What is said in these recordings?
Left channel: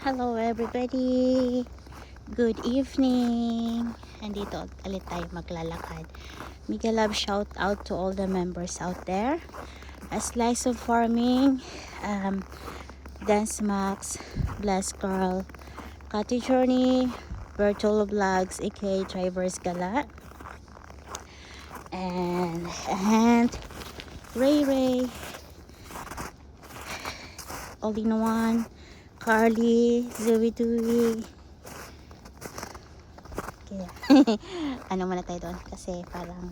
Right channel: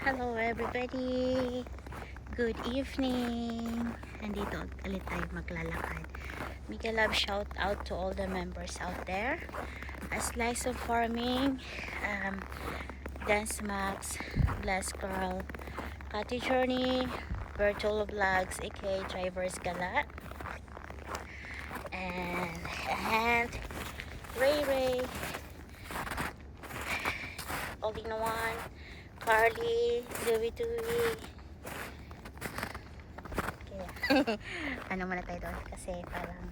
Hello everybody! Good evening! Andito ulit tayo maglalakad. Mega love shout out to all the members out there. A Slice of Farming, Dance Max, Blast Girl, Cottage Journey, Virtual Vlogs, aka Drivers Gala, and Ray Ray, All in One, Carly, Louie Dewey. Okay. Ano muna tayo doon kasi parang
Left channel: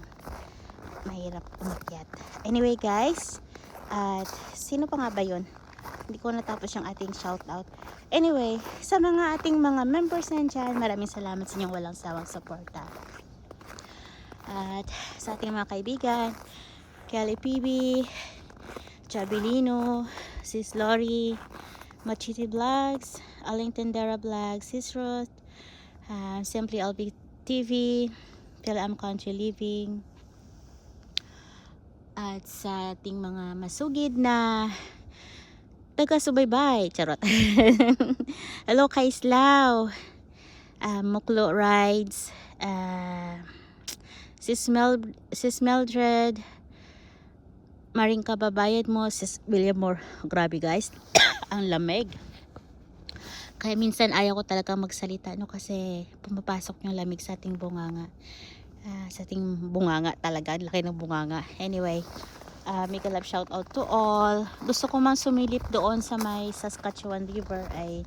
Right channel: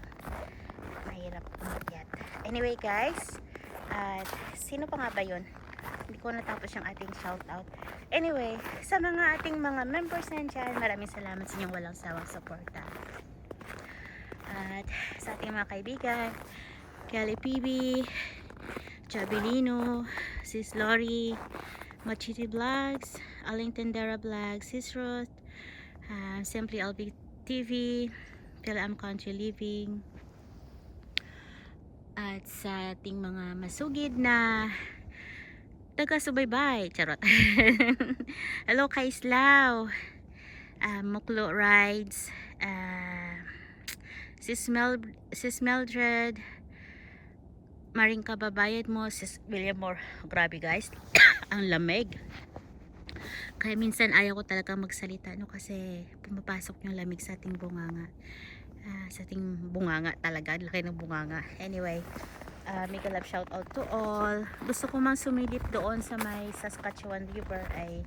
mahirap umakyat. Anyway guys, at sino pa nga ba yun? Hindi ko natapos yung ating shoutout. Anyway, sa mga ating mga members nandyan, maraming salamat sa inyong walang sawang suporta. At sa ating mga kaibigan, Kelly PB, Chabilino, Sis Lori, Machiti Vlogs, Aling Tendera Vlogs, Sis Ruth, Simply LB TV, Philam Country Living, at sa ating mga masugid na taga-subaybay, charot. Hello kay Islaw, Muklo Rides, Sis Mildred, Maring Kababayad mo, Sis William Moore. Grabe guys, ang lamig. Kaya minsan ayaw ko talaga magsalita, no, kasi pumapasok yung lamig sa ating bunganga. Sa ating bunganga talaga, laki ng bunganga. Anyway, mega love shout out to all. Gusto ko mang sumilip doon sa may Saskatchewan River, ay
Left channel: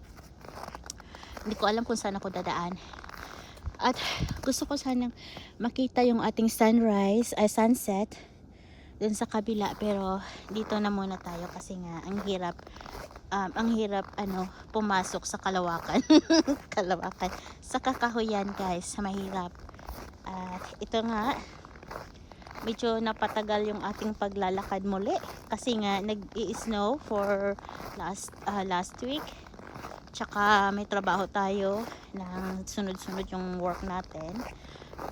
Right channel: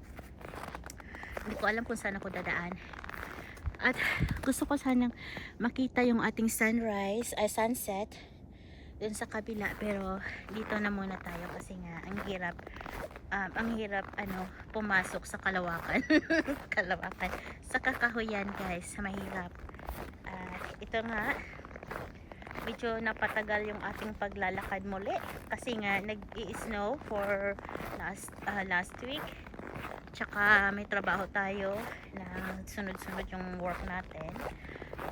hindi ko alam kung saan ako dadaan. At gusto ko sanang makita yung ating sunrise, sunset dun sa kabila, pero dito na muna tayo kasi nga ang hirap pumasok sa kalawakan. Kalawakan sa kakahuyan guys, mahirap. Ito nga, medyo napatagal yung ating paglalakad muli kasi nga nag-i-snow for last week, tsaka may trabaho tayo na sunod-sunod yung work natin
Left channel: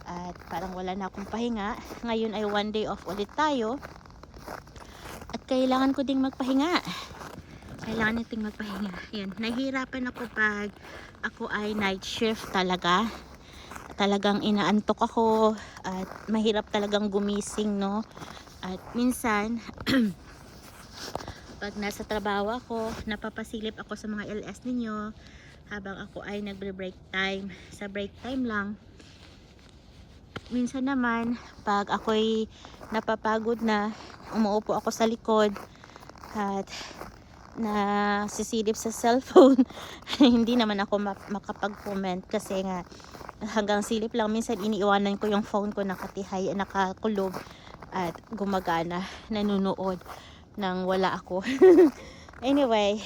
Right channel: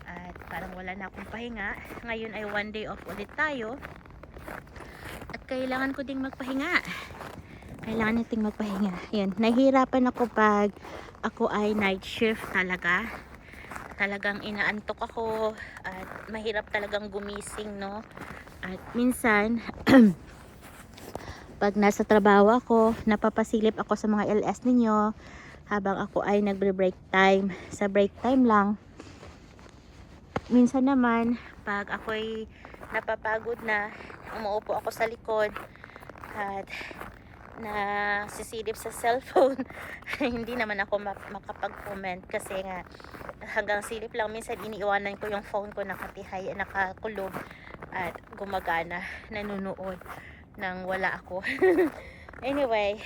at parang wala na akong pahinga. Ngayon ay one day off ulit tayo at kailangan ko ding magpahinga. Kailangan nating magpahinga. Yan, nahihirapan ako pag ako ay night shift talaga. Talagang inaantok ako at mahirap talagang gumising, no? At minsan pag nasa trabaho ako, napapasilip ako sa mga LS ninyo habang ako ay nagbre-break time. Sa break time lang. Minsan naman pag ako'y napapagod na, umuupo ako sa likod at na sisilip sa cellphone. Hindi naman ako makapag-comment kasi nga hanggang silip lang. Minsan iniiwanan ko yung phone ko nakatihay, nakakulog at gumagana, nanunood nang wala ako. Anyway,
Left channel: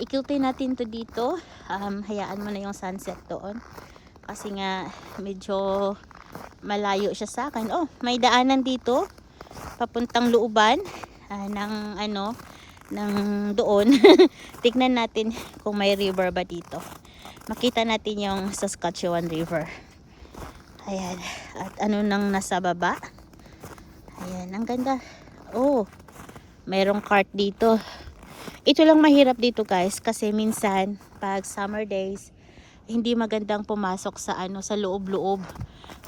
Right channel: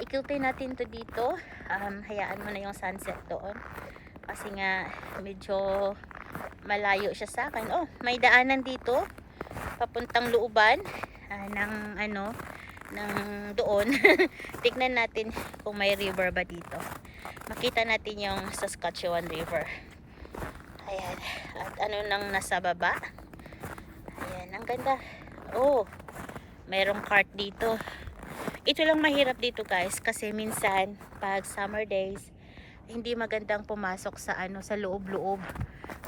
ikutin natin to dito. Hayaan mo na yung sunset doon kasi nga medyo malayo siya sa akin. Oh, may daanan dito papuntang looban ng doon. Tignan natin kung may river ba dito. Makita natin yung Saskatchewan River. Ayan. At ano nang nasa baba. Ayan, ang ganda. Mayroong cart dito. Ito lang mahirap dito guys kasi minsan pag summer days hindi magandang pumasok sa sa loob-loob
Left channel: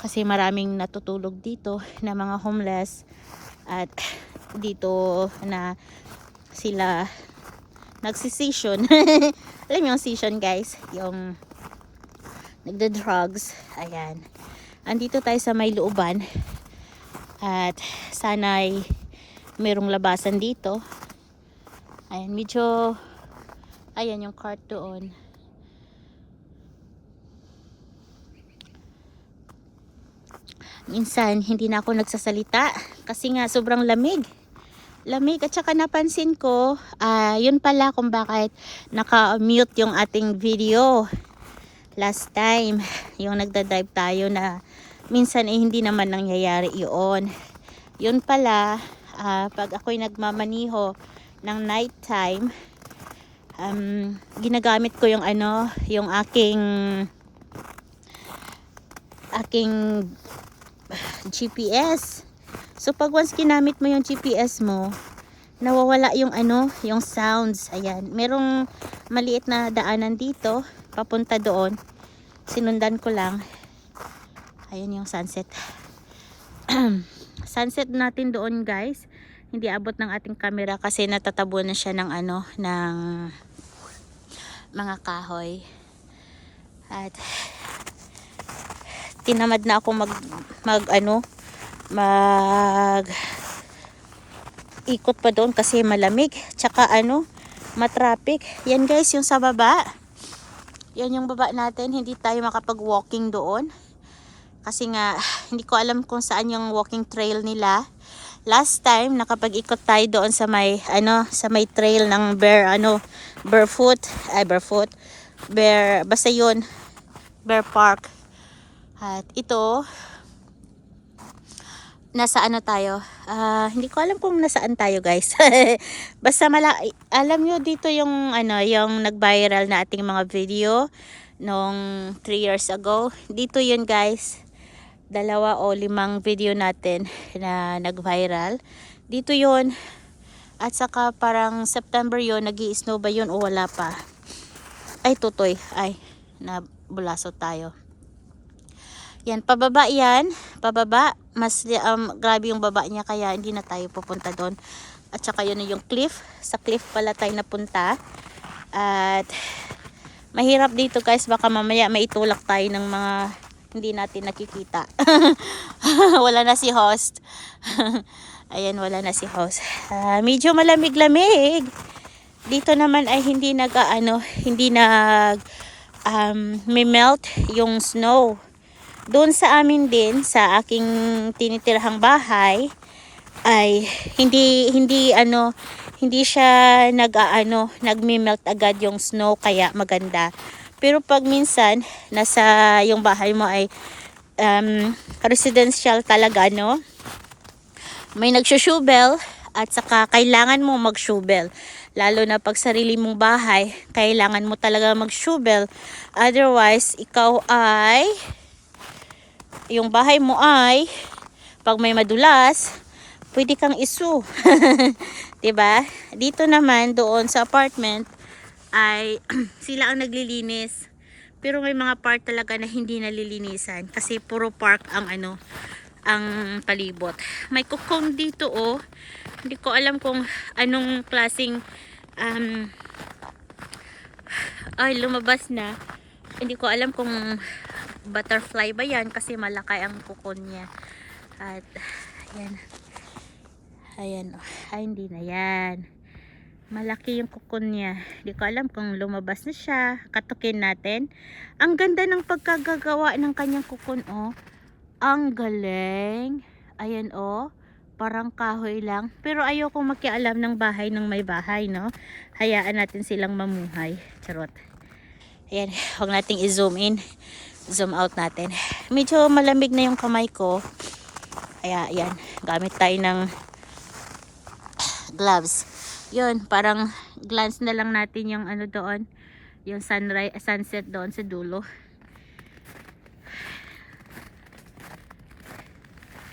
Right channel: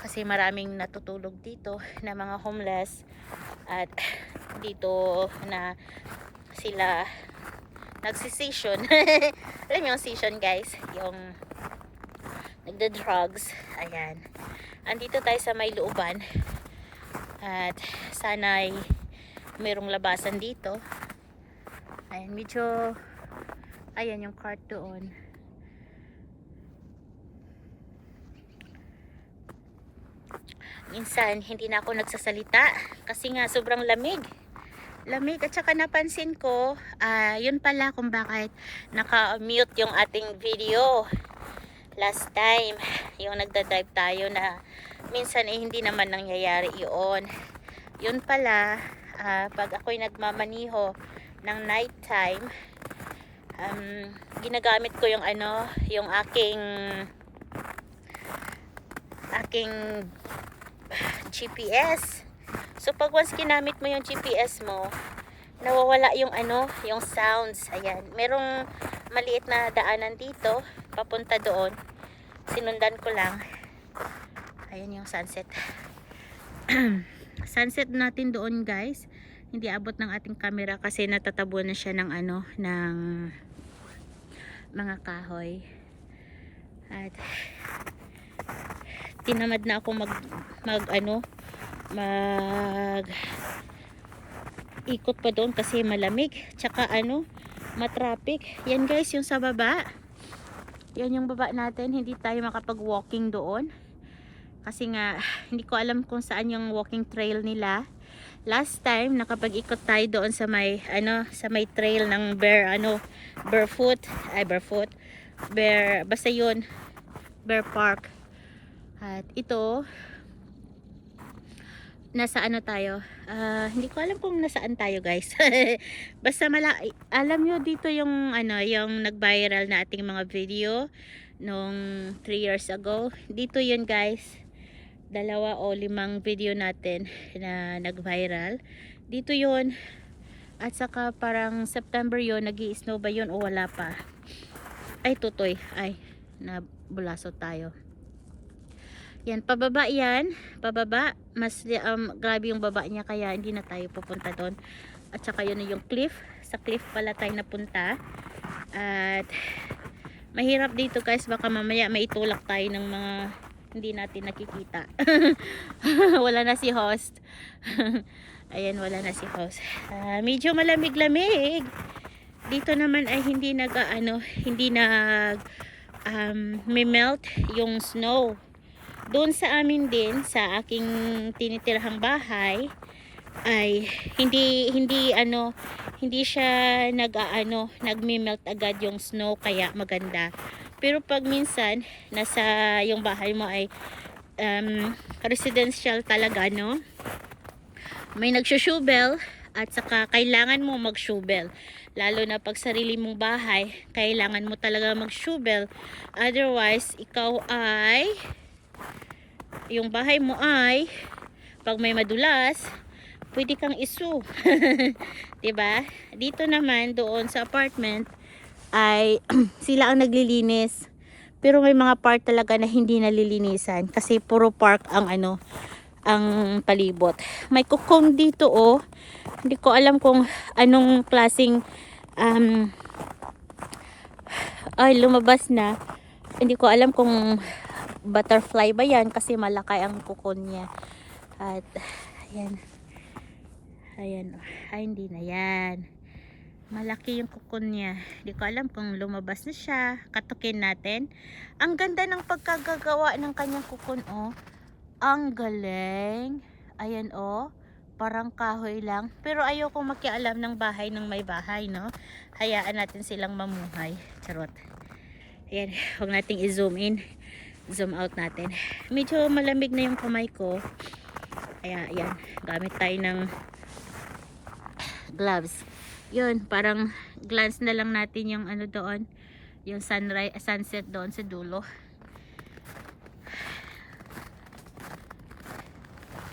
kasi maraming natutulog dito na mga homeless at dito na sila nagsisession. Alam yung session guys, yung nagda-drugs. Ayan, andito tayo sa may looban at sana'y mayroong labasan dito. Ayan, medyo ayan yung cart doon. Minsan hindi na ako nagsasalita kasi nga sobrang lamig at saka napansin ko yun pala kung bakit naka-mute yung ating video last time, yung nagda-drive tayo na minsan hindi naman nangyayari yun pala. Pag ako'y nagmamaniho ng night time, ginagamit ko yung yung aking GPS. So pag once ginamit mo yung GPS mo, nawawala yung ano, yung sounds. Ayan, merong maliit na daanan dito papunta doon. Sinundan ko lang. Ayun yung sunset. Sunset natin doon, guys. Hindi abot ng ating camera kasi natatabo na siya ng ano, ng mga kahoy. At tinamad na ako mag ikot pa doon kasi malamig, tsaka ano, matraffic. Yan guys, yung sa baba. Yan yung baba natin, hindi tayo makapag-walking doon. Kasi nga, hindi ko alam kung saan yung walking trail nila. Last time, nakapag-ikot tayo doon sa may, ano, sa may trail ng basta yun, Bear Park. At ito, nasa ano tayo, hindi ko alam kung nasaan tayo guys. Basta alam nyo dito yung ano, yung nag-viral na ating mga video nung 3 years ago. Dito yun guys, 2 o 5 video natin na nag-viral. Dito yun. At saka parang September yun, nag-i-snow ba yun o wala pa? Ay tutoy, ay nabulaso tayo. Yan, pababa yan, pababa. Mas grabe yung baba niya kaya hindi na tayo pupunta doon. At saka yun yung cliff. Sa cliff pala tayo napunta. At mahirap dito guys, baka mamaya maitulak tayo ng mga hindi natin nakikita. Wala na si host. Ayan, wala na si host. Medyo malamig-lamig. Dito naman ay hindi may melt yung snow. Doon sa amin din, sa aking tinitirahang bahay, ay hindi siya nagme-melt agad yung snow kaya maganda. Pero pag minsan nasa yung bahay mo ay residential talaga, no? May nagsushovel at saka kailangan mo mag-shovel. Lalo na pag sarili mong bahay, kailangan mo talaga mag-shovel. Otherwise, yung bahay mo ay pag may madulas, pwede kang isu. 'Di ba? Dito naman doon sa apartment ay sila ang naglilinis. Pero may mga part talaga na hindi nalilinisan kasi puro park ang palibot. May kukong dito oh. Hindi ko alam kung anong klaseng lumabas na. Hindi ko alam kung butterfly ba yan kasi malaki ang kukon niya. At ayan oh. Ay, hindi na yan. Malaki yung kukon niya. Hindi ko alam kung lumabas na siya. Katukin natin. Ang ganda ng pagkagagawa ng kanyang kukon oh. Ang galing. Ayan oh. Parang kahoy lang. Pero ayokong makialam ng bahay ng may bahay, no? Hayaan natin silang mamuhay. Charot. Ayan. Huwag nating i-zoom in. Zoom out natin. Medyo malamig na yung kamay ko. Kaya, ayan. Gamit tayo ng gloves. Yun. Parang glance na lang natin yung ano doon. Yung sunset doon sa dulo.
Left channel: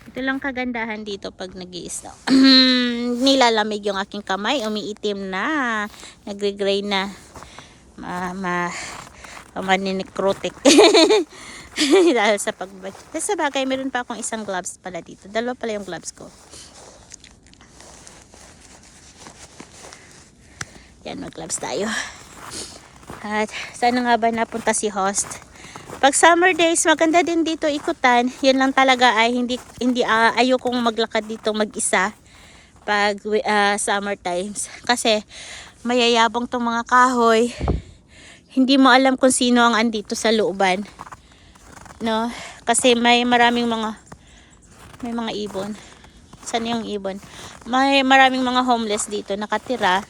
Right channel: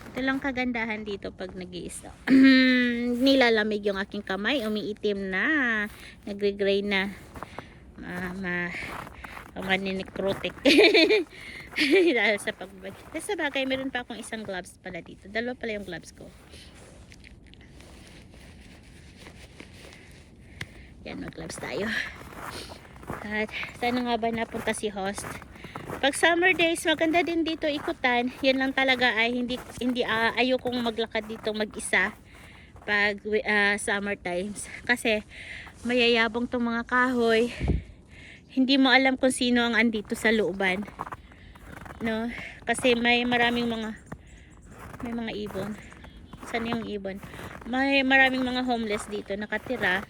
Ito lang kagandahan dito pag nag-i-snow. Nilalamig yung aking kamay, umiitim na, nagre-gray na, maninikrotik. Dahil sa pagbag. Kasi sa bagay, meron pa akong isang gloves pala dito. 2 pala yung gloves ko. Yan, mag-gloves tayo. At sana nga ba napunta si host? Pag summer days, maganda din dito ikutan. Yan lang talaga ay ayokong maglakad dito mag-isa pag summer times. Kasi mayayabong tong mga kahoy. Hindi mo alam kung sino ang andito sa looban. No? Kasi may mga ibon. Saan yung ibon? May maraming mga homeless dito nakatira.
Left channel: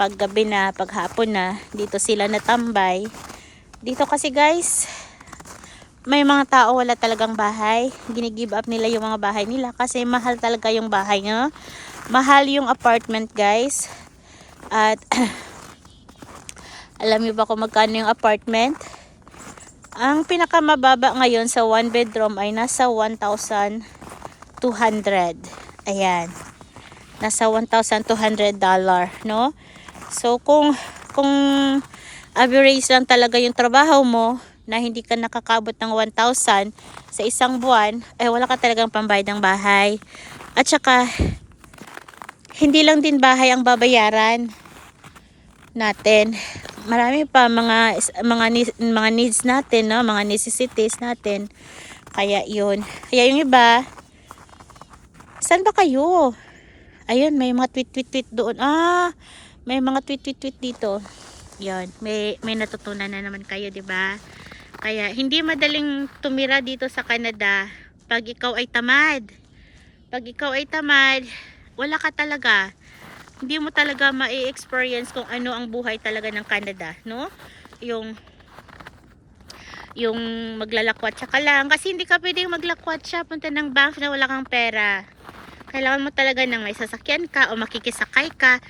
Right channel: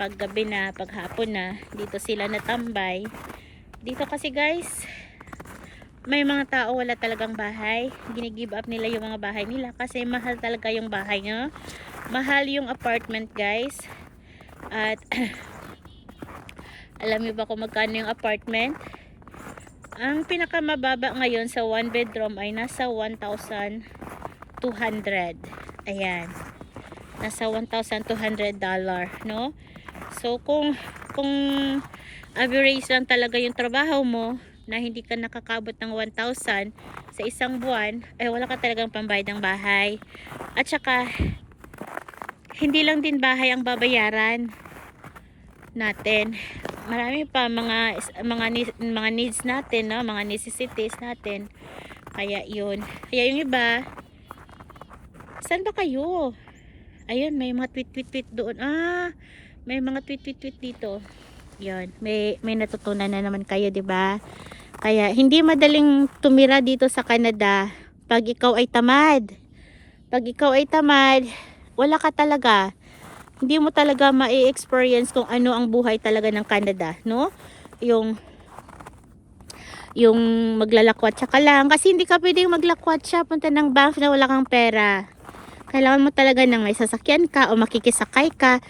Pag gabi na, pag hapon na, dito sila natambay. Dito kasi guys, may mga tao wala talagang bahay. Ginigive up nila yung mga bahay nila kasi mahal talaga yung bahay, no? Mahal yung apartment guys. At alam niyo ba kung magkano yung apartment? Ang pinakamababa ngayon sa 1 bedroom ay nasa 1,200. Ayan. nasa $1,200, no? So kung average lang talaga yung trabaho mo na hindi ka nakakabot ng 1,000 sa isang buwan, eh wala ka talagang pambayad ng bahay. At saka hindi lang din bahay ang babayaran natin. Marami pa mga needs natin, no? Mga necessities natin. Kaya yun. Kaya yung iba, saan ba kayo? Ayun, may mga tweet doon. May mga tweet dito. Yan, may natutunan na naman kayo, 'di ba? Kaya hindi madaling tumira dito sa Canada pag ikaw ay tamad. Pag ikaw ay tamad, wala ka talaga. Hindi mo talaga ma-experience kung ano ang buhay talaga ng Canada, no? Yung maglalakwat ka lang, kasi hindi ka pwedeng maglakwat siya punta ng Banff na wala kang pera. Kailangan mo talaga ng may sasakyan ka o makikisakay ka.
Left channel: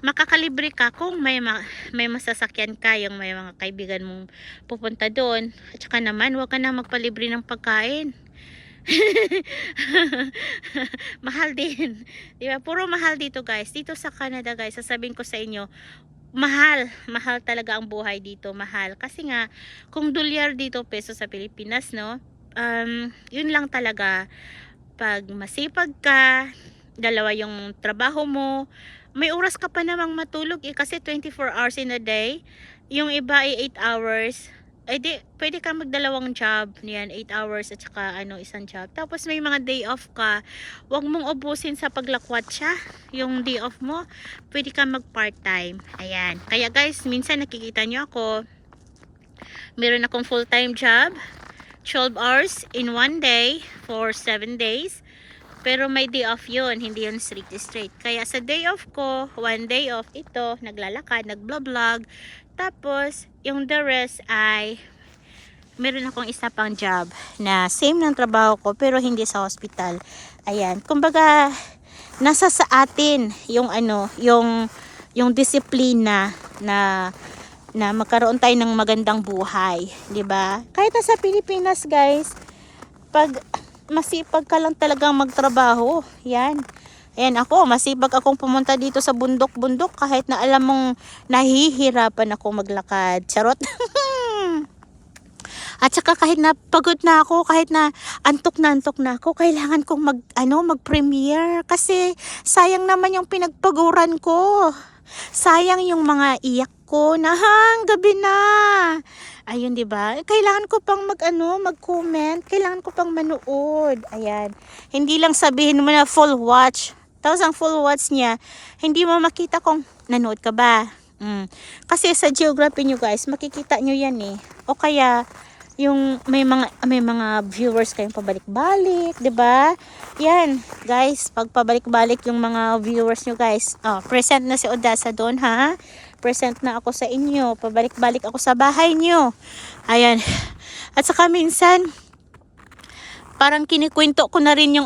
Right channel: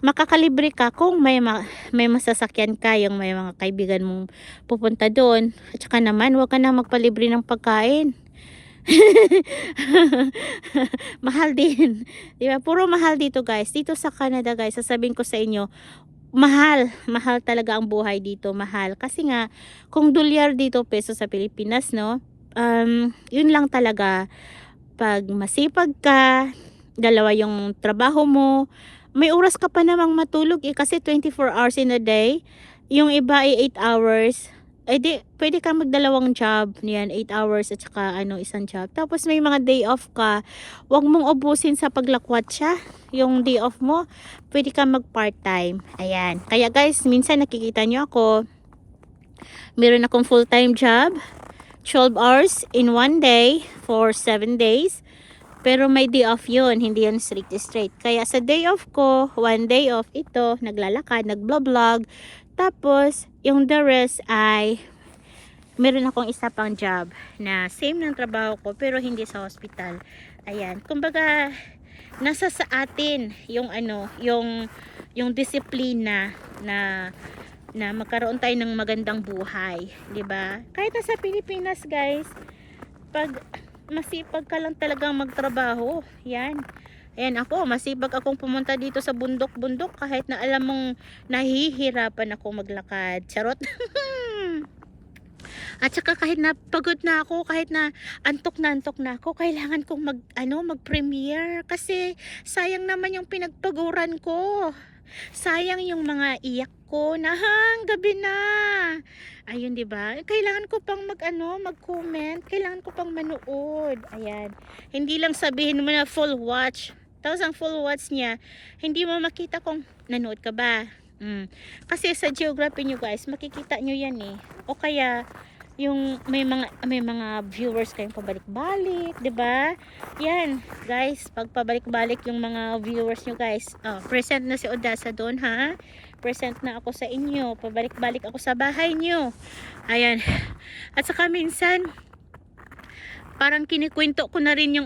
Makakalibre ka kung may masasakyan ka, yung may mga kaibigan mong pupunta doon. At saka naman, huwag ka na magpalibre ng pagkain. Mahal din. Diba? Puro mahal dito guys. Dito sa Canada guys, sasabihin ko sa inyo, mahal talaga ang buhay dito, mahal. Kasi nga, kung dolyar dito, peso sa Pilipinas, no? Yun lang talaga. Pag masipag ka, dalawa yung trabaho mo, may oras ka pa namang matulog kasi 24 hours in a day. Yung iba ay 8 hours. Eh di, pwede ka magdalawang job. Yan, 8 hours at saka isang job. Tapos may mga day off ka. Huwag mong ubusin sa paglakwat siya. Yung day off mo, pwede ka mag part time. Ayan. Kaya guys, minsan nakikita nyo ako, meron akong full time job, 12 hours in one day for 7 days. Pero may day off yun, hindi yun straight. Kaya sa day off ko, one day off ito, naglalakad, nagblog. Tapos, yung the rest ay, meron akong isa pang job na same ng trabaho ko, pero hindi sa hospital. Ayan, kumbaga, nasa sa atin yung yung disiplina na magkaroon tayo ng magandang buhay, 'di ba? Kahit sa Pilipinas, guys, pag masipag ka lang talagang magtrabaho, yan. Ayan ako, masipag akong pumunta dito sa bundok-bundok kahit na alam mong nahihirapan ako maglakad. Charot. At saka kahit na pagod na ako, kahit na antok na ako, kailangan kong mag-premiere kasi sayang naman yung pinagpaguran ko. Sayang yung mga iyak ko na gabi na. Ayun, 'di ba? Kailangan ko pang mag-comment, kailangan ko pang manood. Ayan. Hindi lang sabihin mo na full watch. Tapos ang full watch niya, hindi mo makita kung nanood ka ba. Kasi sa geography nyo guys, makikita nyo yan eh. O kaya yung may mga viewers kayong pabalik-balik, 'di ba? Yan, guys, pag pabalik-balik yung mga viewers nyo guys. Present na si Odasa doon, ha? Present na ako sa inyo. Pabalik-balik ako sa bahay nyo. Ayan. At saka minsan, parang kinikwento ko na rin yung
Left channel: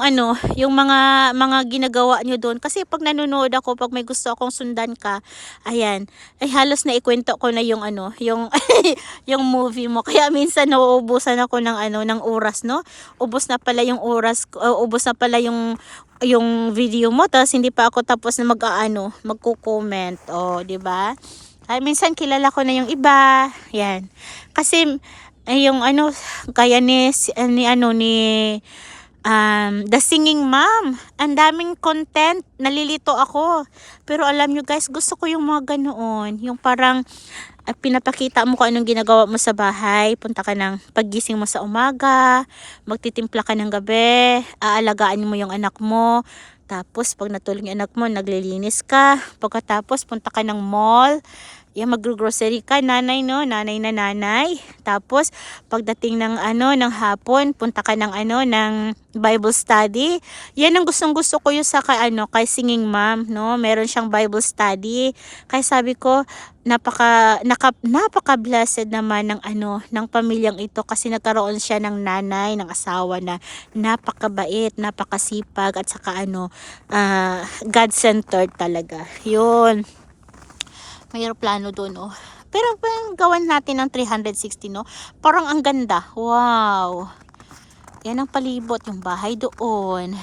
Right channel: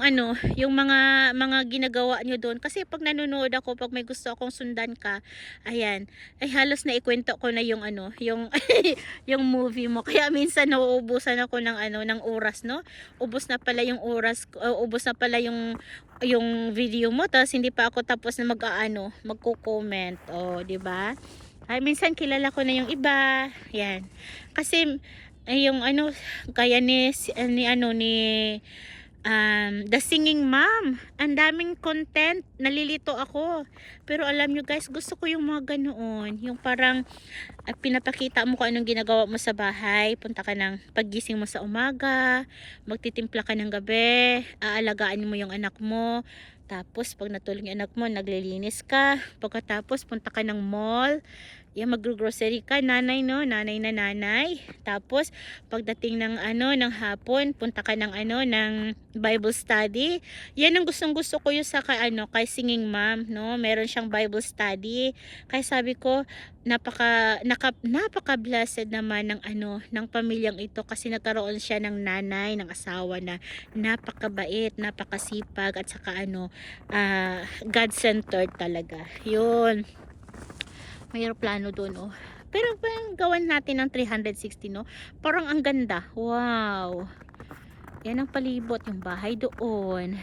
yung mga ginagawa nyo doon. Kasi pag nanonood ako, pag may gusto akong sundan ka, ayan, ay halos na ikwento ko na yung yung yung movie mo. Kaya minsan nauubusan ako ng oras, no? Ubos na pala yung oras, ubos na pala yung video mo, tapos hindi pa ako tapos na magko-comment. Di ba? Ay minsan kilala ko na yung iba. Yan. Kasi yung kaya ni The Singing Mom, ang daming content, nalilito ako. Pero alam nyo guys, gusto ko yung mga ganoon, yung parang pinapakita mo kung anong ginagawa mo sa bahay. Punta ka ng paggising mo sa umaga, magtitimpla ka ng gabi, aalagaan mo yung anak mo. Tapos pag natulog yung anak mo, naglilinis ka. Pagkatapos punta ka ng mall, mag-grocery ka, nanay na nanay. Tapos pagdating ng ng hapon, punta ka ng ng Bible study. Yan ang gustong-gusto ko yung sa kay Singing Mom, no? Meron siyang Bible study. Kaya sabi ko, napaka-blessed naman ng pamilyang ito kasi nagkaroon siya ng nanay, ng asawa na napakabait, napakasipag at saka God-centered talaga. Yun. May plano doon, Pero gawan natin ng 360, no? Parang ang ganda. Wow. Yan ang palibot, yung bahay doon.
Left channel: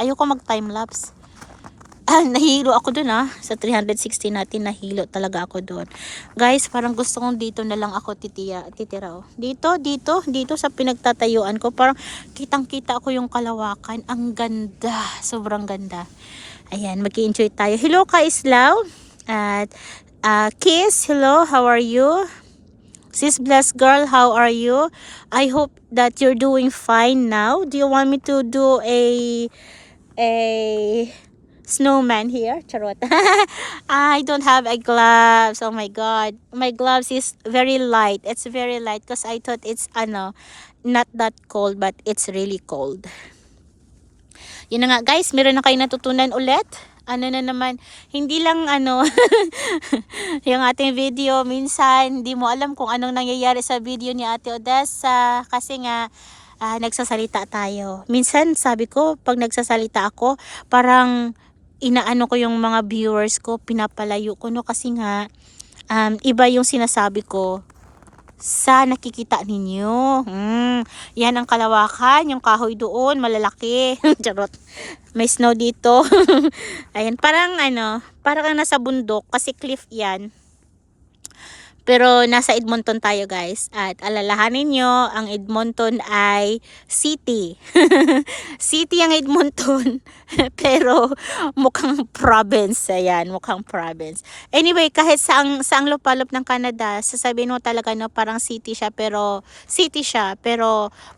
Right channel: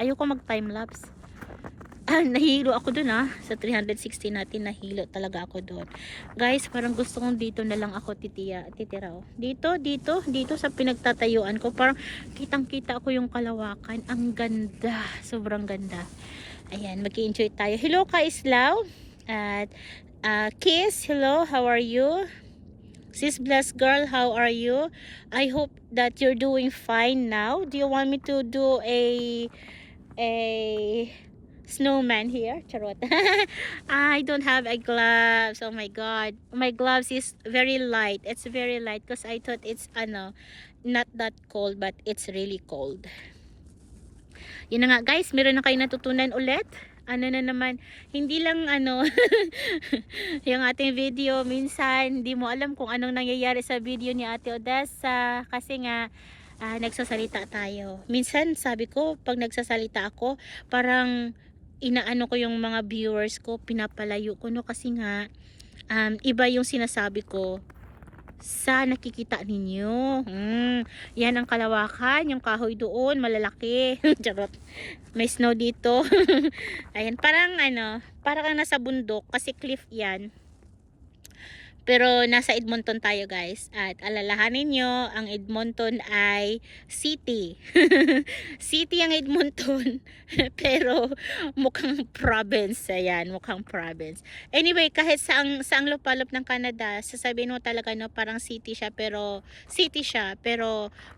Ayoko mag time lapse. Nahilo ako dun sa 360 natin, nahilo talaga ako dun. Guys, parang gusto kong dito na lang ako titira. Dito sa pinagtatayuan ko, parang kitang-kita ako yung kalawakan. Ang ganda, sobrang ganda. Ayan, mag-enjoy tayo. Hello ka Islaw. At Kiss, hello, how are you? Sis Blessed Girl, how are you? I hope that you're doing fine now. Do you want me to do a snowman here? Charot. I don't have a gloves. Oh my god. My gloves is very light. It's very light because I thought it's not that cold, but it's really cold. Yun na nga guys, meron na kayo natutunan ulit. Ano na naman, hindi lang yung ating video, minsan hindi mo alam kung anong nangyayari sa video ni Ate Odessa kasi nga nagsasalita tayo. Minsan sabi ko, pag nagsasalita ako, parang inaano ko yung mga viewers ko, pinapalayo ko kasi nga iba yung sinasabi ko sa nakikita ninyo. Yan ang kalawakan, yung kahoy doon, malalaki. Charot. May snow dito. Ayan, parang parang nasa bundok kasi cliff yan. Pero nasa Edmonton tayo guys. At alalahanin nyo, ang Edmonton ay city. City ang Edmonton. Pero mukhang province. Ayan, mukhang province. Anyway, kahit saang lupalop ng Canada, sasabihin mo talaga parang city siya. Pero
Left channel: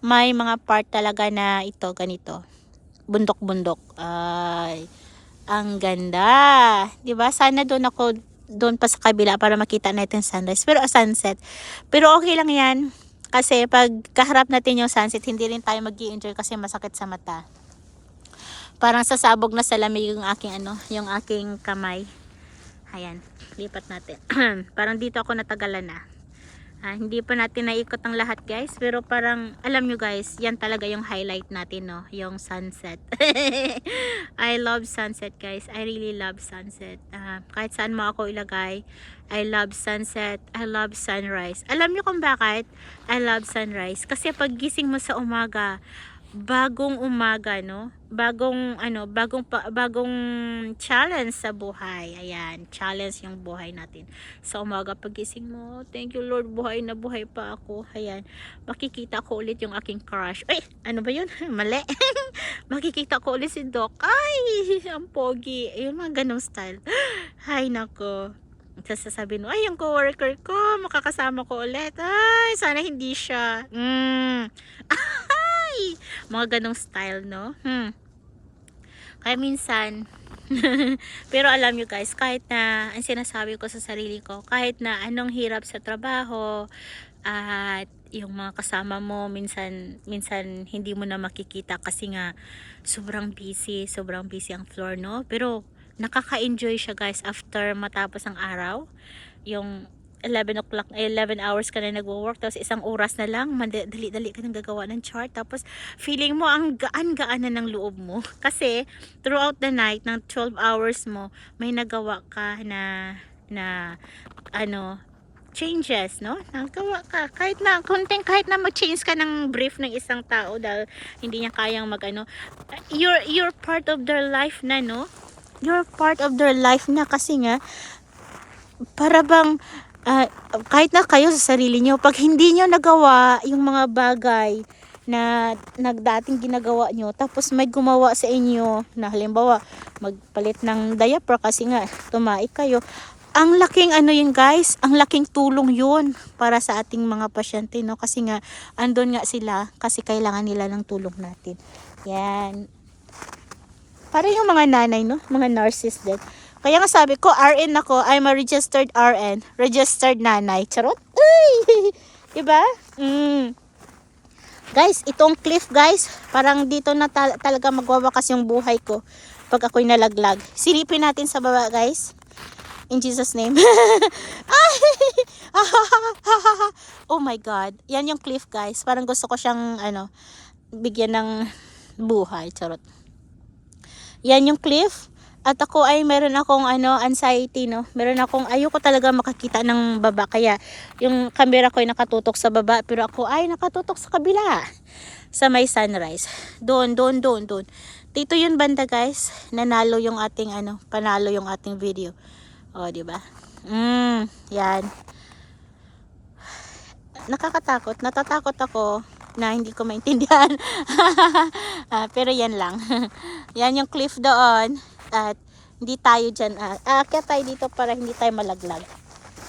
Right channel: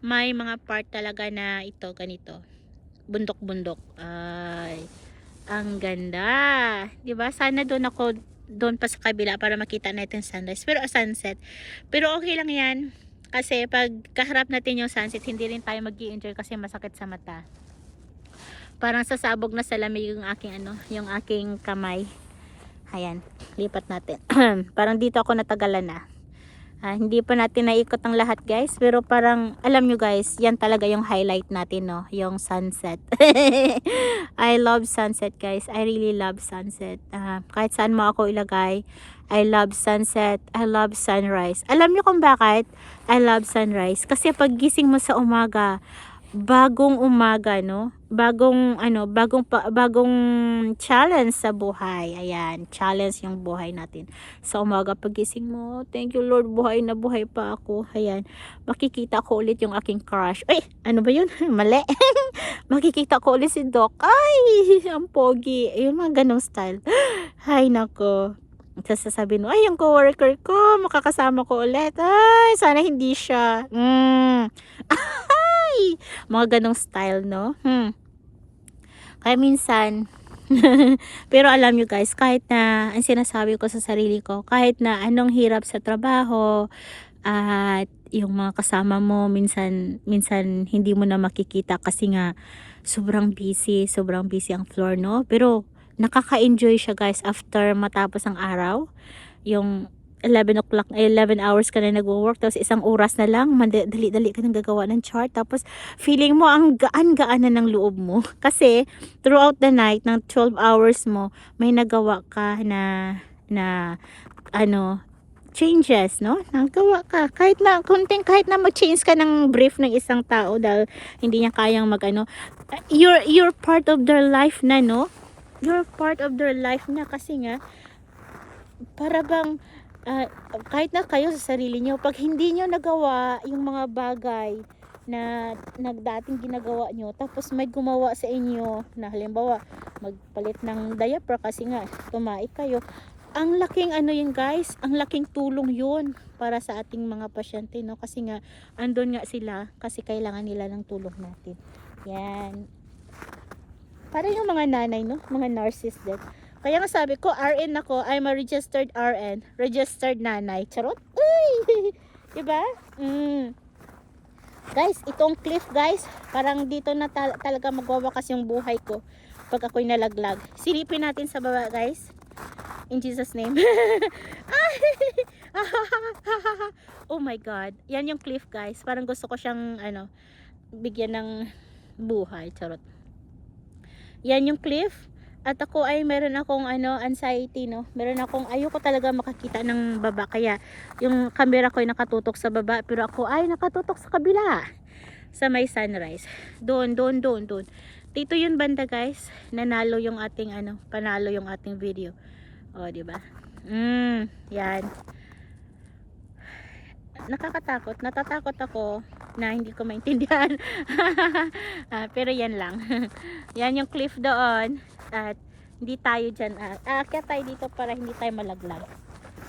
may mga part talaga na ito, ganito. Bundok-bundok. Ay, ang ganda. Diba? Sana doon pa sa kabila para makita natin sunrise sunset, pero okay lang yan kasi pag kaharap natin yung sunset, hindi rin tayo mag-i-enjoy kasi masakit sa mata, parang sasabog na sa lamig yung aking yung aking kamay. Ayan, lipat natin. Parang dito ako natagalan hindi pa natin naikot ang lahat guys, pero parang alam nyo guys, yan talaga yung highlight natin yung sunset. I love sunset guys, I really love sunset. Kahit saan mo ako ilagay, I love sunset, I love sunrise. Alam nyo kung bakit I love sunrise? Kasi pag gising mo sa umaga, bagong umaga, bagong challenge sa buhay. Ayan, challenge yung buhay natin sa umaga. Pagising mo, thank you Lord, buhay na buhay pa ako. Ayan, makikita ko ulit yung aking crush. Ay, ano ba yun? Mali. Makikita ko ulit si Doc. Ay, ang pogi. Ayun, mga ganong style. Ay, nako. Sasabihin mo, ay, yung coworker ko, makakasama ko ulit. Ay, sana hindi siya. Mga ganong style, kaya minsan pero alam nyo guys, kahit na ang sinasabi ko sa sarili ko, kahit na anong hirap sa trabaho at yung mga kasama mo minsan hindi mo na makikita kasi nga sobrang busy ang floor, pero nakaka-enjoy siya guys after matapos ang araw, yung 11 hours ka na nag-work, tapos isang oras na lang, dali-dali ka nang gagawa ng chart, tapos feeling mo ang gaan-gaan na ng loob mo. Kasi, throughout the night, ng 12 hours mo, may nagawa ka na changes, nagawa ka. Kahit na mag-change ka ng brief ng isang tao dahil hindi niya kayang you're part of their life na, You're part of their life na kasi nga, para bang, kahit na kayo sa sarili nyo, pag hindi nyo nagawa yung mga bagay na nagdating ginagawa nyo, tapos may gumawa sa inyo na halimbawa magpalit ng diaper kasi nga tumaik kayo, ang laking yun guys, ang laking tulong yun para sa ating mga pasyente, kasi nga andun nga sila kasi kailangan nila ng tulong natin. Yan, para yung mga nanay, mga nurses din. Kaya nga sabi ko, RN ako, I'm a registered RN, registered nanay. Charot? Ay! Diba? Guys, itong cliff guys, parang dito na talaga magwawakas yung buhay ko pag ako'y nalaglag. Silipin natin sa baba guys. In Jesus name. Ay! Oh my God. Yan yung cliff guys. Parang gusto ko siyang bigyan ng buhay. Charot. Yan yung cliff. At ako ay meron akong anxiety, meron akong ayoko talaga makakita ng baba, kaya yung camera ko ay nakatutok sa baba, pero ako ay nakatutok sa kabila sa may sunrise, doon Dito yun banda guys, nanalo yung ating panalo yung ating video. Oh, di ba? Yan. Nakakatakot, natatakot ako na hindi ko maintindihan. Pero yan lang. Yan yung cliff doon at hindi tayo dyan. Aakyat tayo dito para hindi tayo malaglag.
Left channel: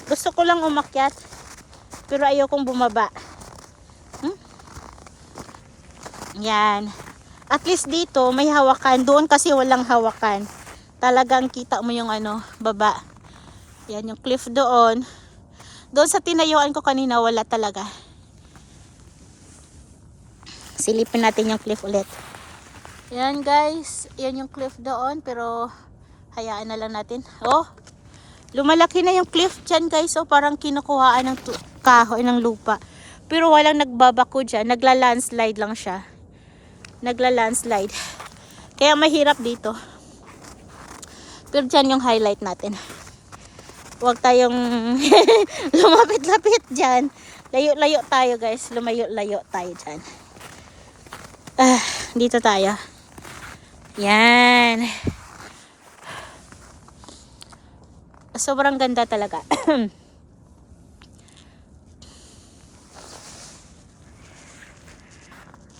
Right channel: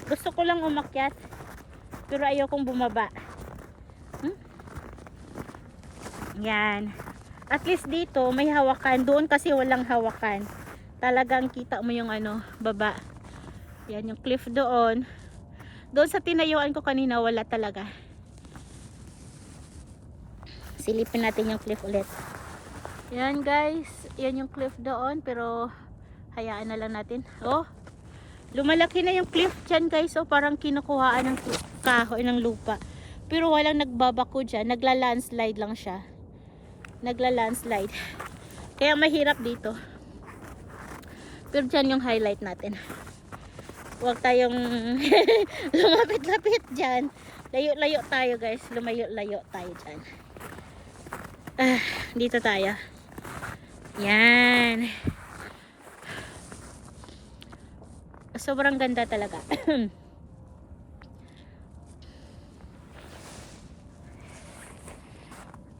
Gusto ko lang umakyat pero ayokong bumaba. Yan. At least dito may hawakan. Doon kasi walang hawakan. Talagang kita mo yung baba. Yan yung cliff doon. Doon sa tinayuan ko kanina wala talaga. Silipin natin yung cliff ulit. Yan guys. Yan yung cliff doon. Pero hayaan na lang natin. Oh. Lumalaki na yung cliff dyan guys. So parang kinukuhaan ng kahoy ng lupa. Pero walang nagbabako dyan. Nagla-landslide lang siya. Nagla-landslide. Kaya mahirap dito. Pero dyan yung highlight natin. Huwag tayong lumapit-lapit dyan. Layo-layo tayo guys. Lumayo-layo tayo dyan. Dito tayo. Yan. Sobrang ganda talaga.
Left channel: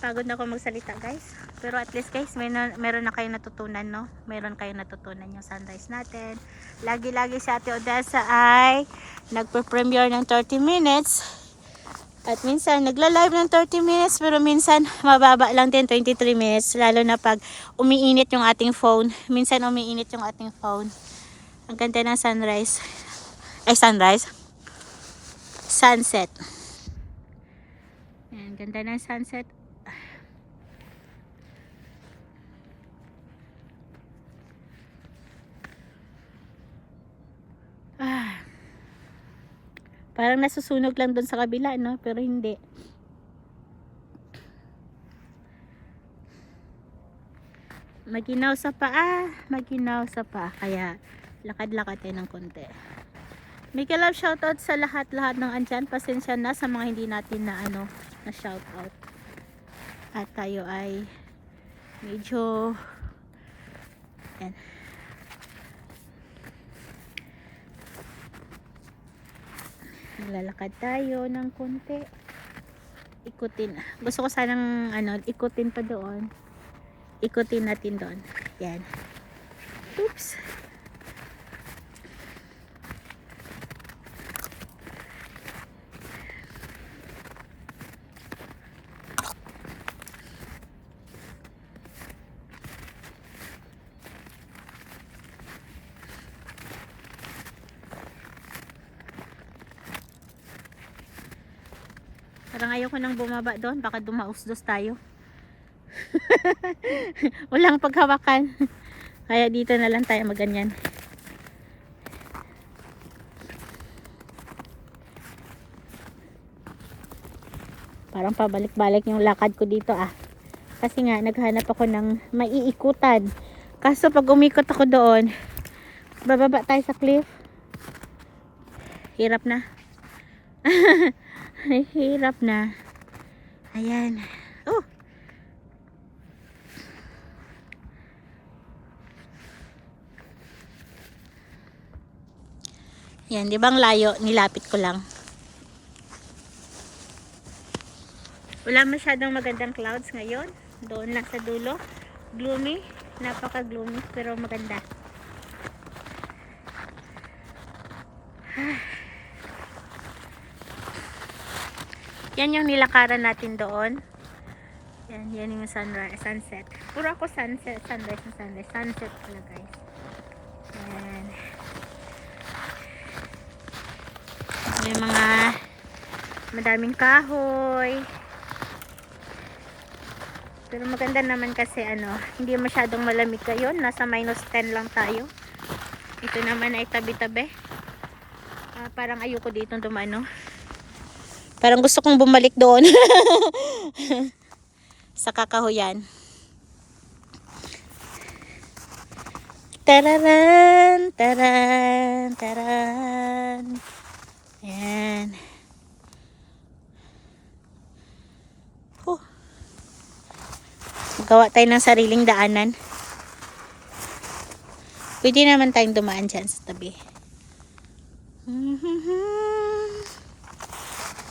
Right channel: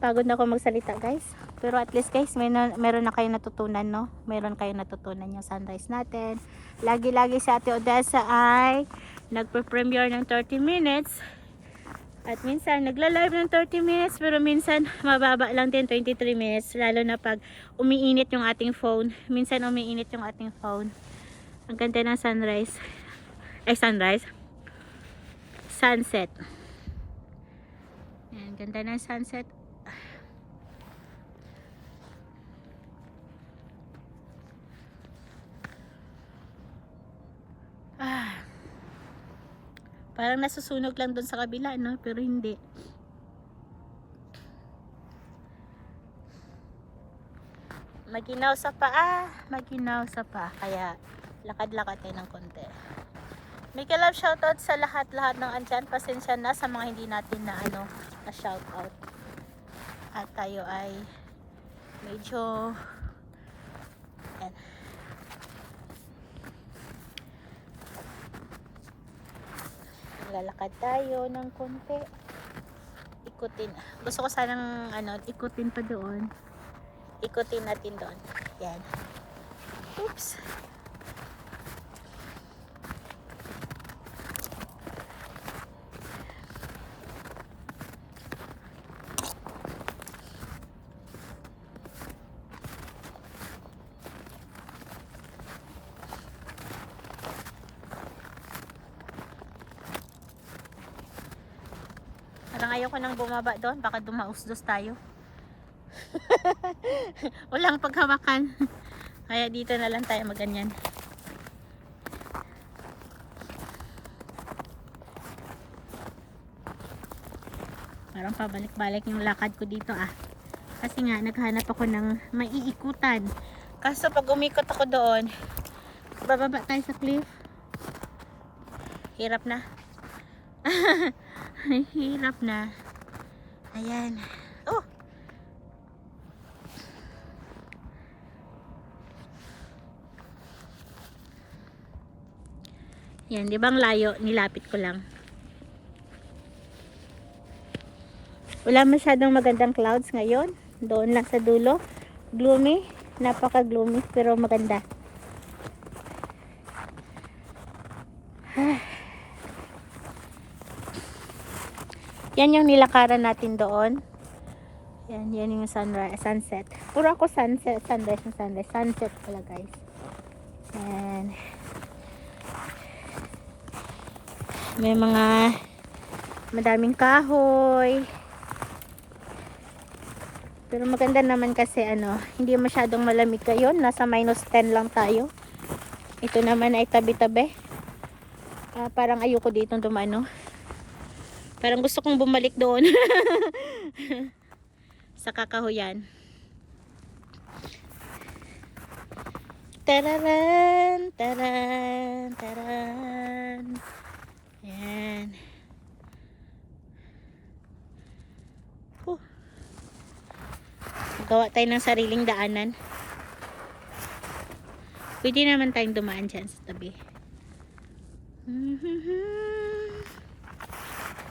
Pagod na ako magsalita guys. Pero at least guys, meron na kayong natutunan, no? Meron kayong natutunan yung sunrise natin. Lagi-lagi si Ate Odessa ay nagpe-premiere ng 30 minutes. At minsan nagla-live ng 30 minutes. Pero minsan mababa lang din 23 minutes. Lalo na pag umiinit yung ating phone. Minsan umiinit yung ating phone. Ang ganda ng sunrise. Ay, sunrise. Sunset. Yan, ganda ng sunset. Parang nasusunog lang doon sa kabila, no? Pero hindi. Maginaw sa paa. Maginaw sa paa. Kaya, lakad-lakad din ng konti. Mega love shoutout sa lahat-lahat ng andyan. Pasensya na sa mga hindi natin na shoutout. At tayo ay medyo yan. Lalakad tayo ng konti. Ikutin. Gusto ko sanang ikutin pa doon. Ikutin natin doon. Yan. Oops. Parang ayoko nang bumaba doon. Baka dumausdos tayo. Walang paghawakan. Kaya dito na lang tayo maganyan. Parang pabalik-balik yung lakad ko dito Kasi nga naghanap ako ng maiikutan. Kaso pag umikot ako doon, bababa tayo sa cliff. Hirap na. Ay, hirap na. Ayan. Oh. Yan, di ba ang layo? Nilapit ko lang. Wala masyadong magandang clouds ngayon. Doon lang sa dulo. Gloomy. Napaka-gloomy pero maganda. Yan yung nilakaran natin doon. Yan yung sunset. Puro ako sunset, sunset pala guys. Yan. Yung mga madaming kahoy. Pero maganda naman kasi hindi masyadong malamig ngayon. Nasa -10 lang tayo. Ito naman ay tabi-tabi. Parang ayoko dito dumano. Parang gusto kong bumalik doon. Sa kakahuyan. Tararan, taran, taran. Ayan. Gawa tayo ng sariling daanan. Pwede naman tayong dumaan dyan sa tabi.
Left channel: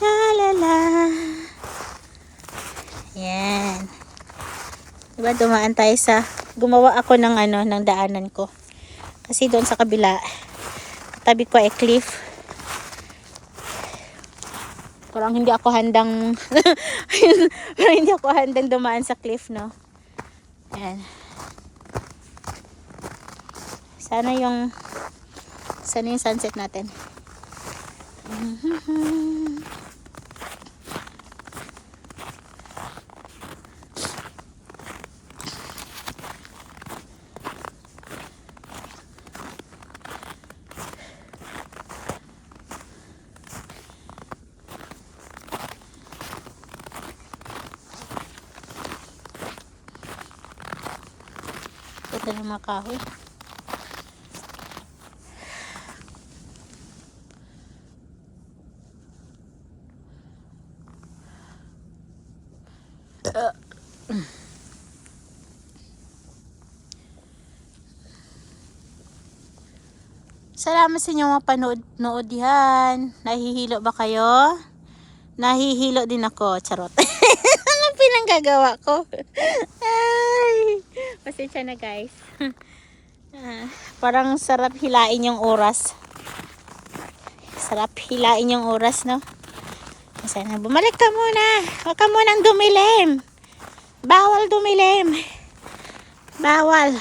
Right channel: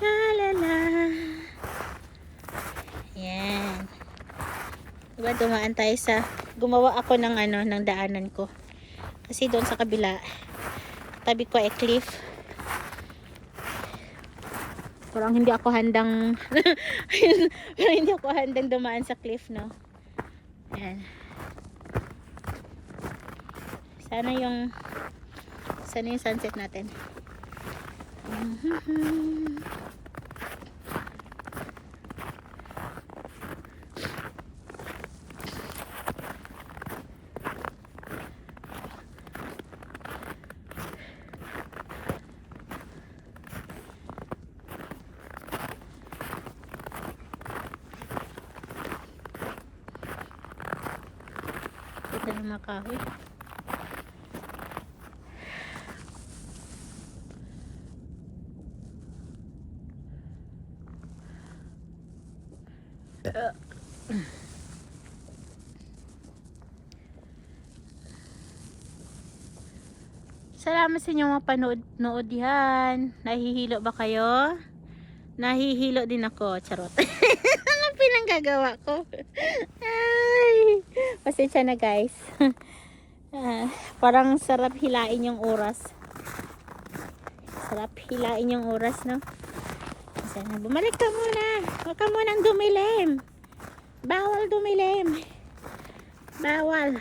La la la. Yan. Diba dumaan tayo sa, gumawa ako ng ng daanan ko. Kasi doon sa kabila, tabi ko ay cliff. Parang hindi ako handang hindi ako handang dumaan sa cliff, no? Yan. Sana yung sunset natin. Ito yung mga kahoy. Salamat sa inyong mga panood yan. Nahihilo ba kayo? Nahihilo din ako. Charot. Ano pinanggagawa ko? Ay, pasensya na guys. Parang sarap hilain yung oras. Sarap hilain yung oras, no? Sana bumalik ka muna. Huwag ka munang dumilim. Bawal dumilim. Bawal.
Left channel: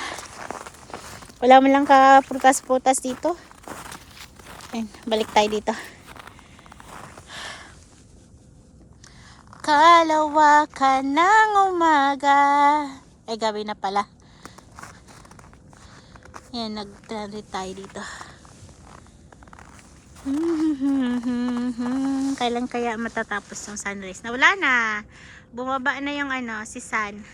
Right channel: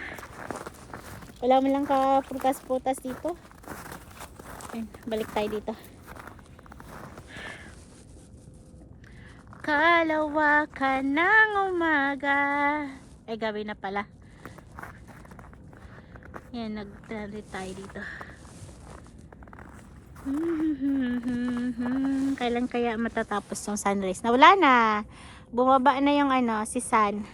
Wala mo lang ka prutas-prutas dito. Ayan, balik tayo dito. Kalawakan ng umaga. Ay, gabi na pala. Ayan, nag-trend tayo dito. Kailan kaya matatapos yung sunrise? Nawala na. Bumaba na yung si sun.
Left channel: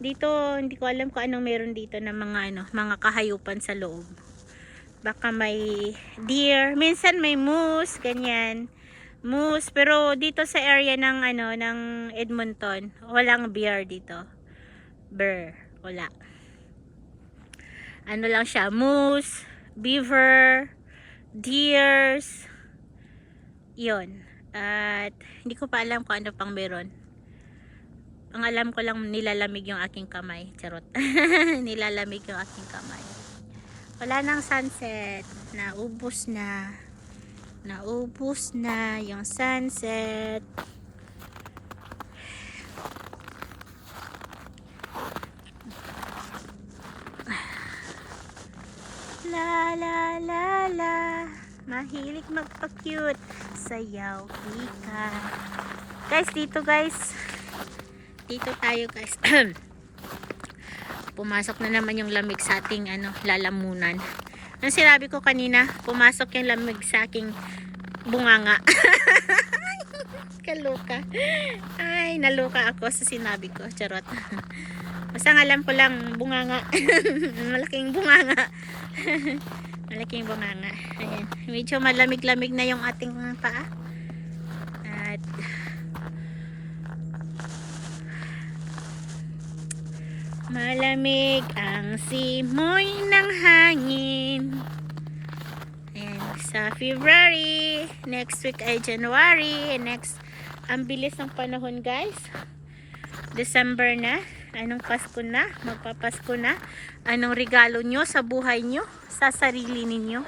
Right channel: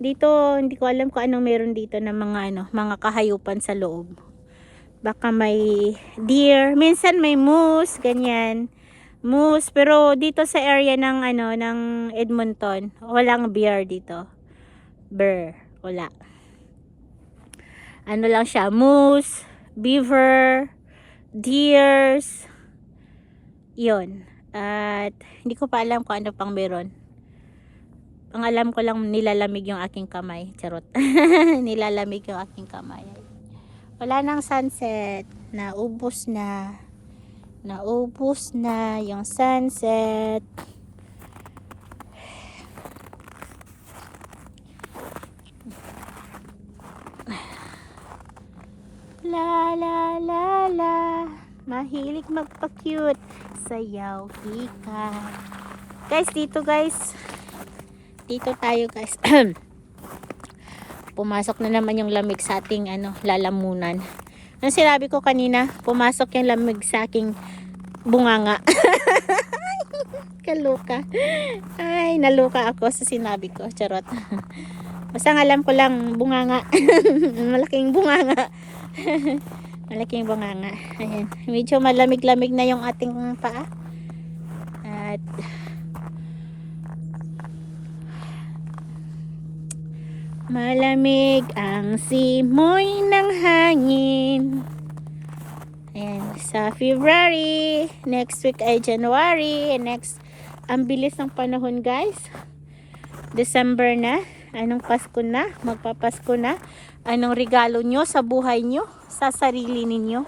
Dito, hindi ko alam kung anong meron dito na mga mga kahayupan sa loob. Baka may deer, minsan may moose, ganyan. Moose, pero dito sa area ng ng Edmonton, walang bear dito. Bear, wala. Ano lang siya, moose, beaver, deers. 'Yon. At hindi ko pa alam kung ano pang meron. Ang alam ko lang, nilalamig yung aking kamay. Charot. Nilalamig yung aking kamay. Wala nang sunset. Naubos na. Naubos na yung sunset. La la la la. Mahilig magpa-cute. Sayaw kita. Guys, dito guys. Dito tayo guys. Pumasok na naman yung lamig sa ating lalamunan. Ang sinabi ko kanina, pumasok yung lamig sa aking bunganga. Kaluka. Ay, naluka ako sa sinabi ko. Charot. Basta alam ko lang, bunganga. Malaking bunganga. Malaking bunganga. Ayan. Medyo malamig-lamig na yung ating paa. At malamig ang simoy ng hangin. Ayan, sa February, next week ay January, ang bilis ng panahon guys. December na, anong Pasko na, magpapasko na. Anong regalo nyo sa buhay nyo, sa sarili ninyo.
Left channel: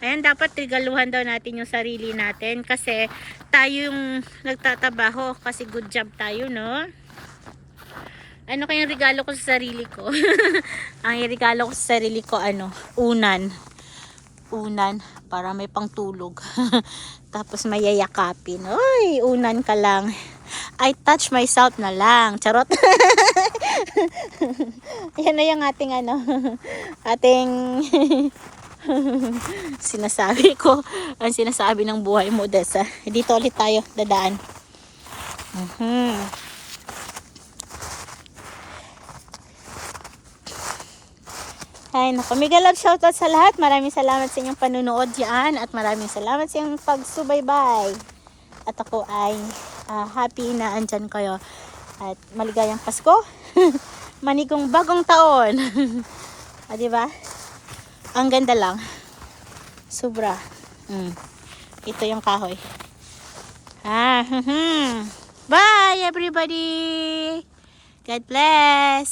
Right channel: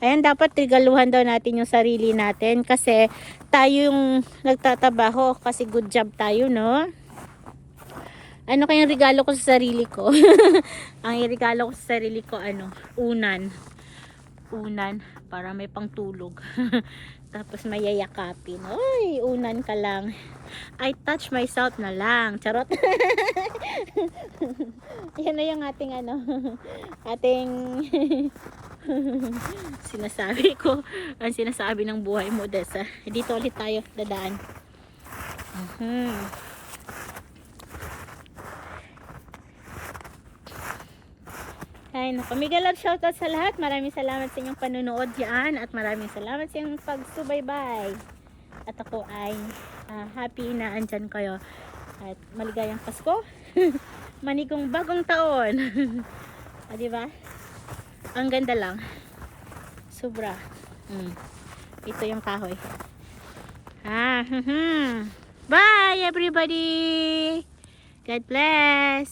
Ayan, dapat regaluhan daw natin yung sarili natin kasi tayo yung nagtatabaho kasi good job tayo, no? Ano kayang regalo ko sa sarili ko? Ang regalo ko sa sarili ko, unan. Unan, para may pangtulog. Tapos may yayakapin. Uy, unan ka lang. I touch myself na lang. Charot. Yan na yung ating ating sinasabi ko. Ang sinasabi ng buhay mo, Desa. Dito ulit tayo, dadaan. Ay, naku. Mega love shoutout sa lahat. Maraming salamat sa inyong panunood dyan. At maraming salamat sa inyong pagsubaybay. At ako ay happy na andyan kayo. At maligayang Pasko. Manigong bagong taon. Ah, di ba? Ang ganda lang. Sobra. Ito yung kahoy. Bye everybody. God bless.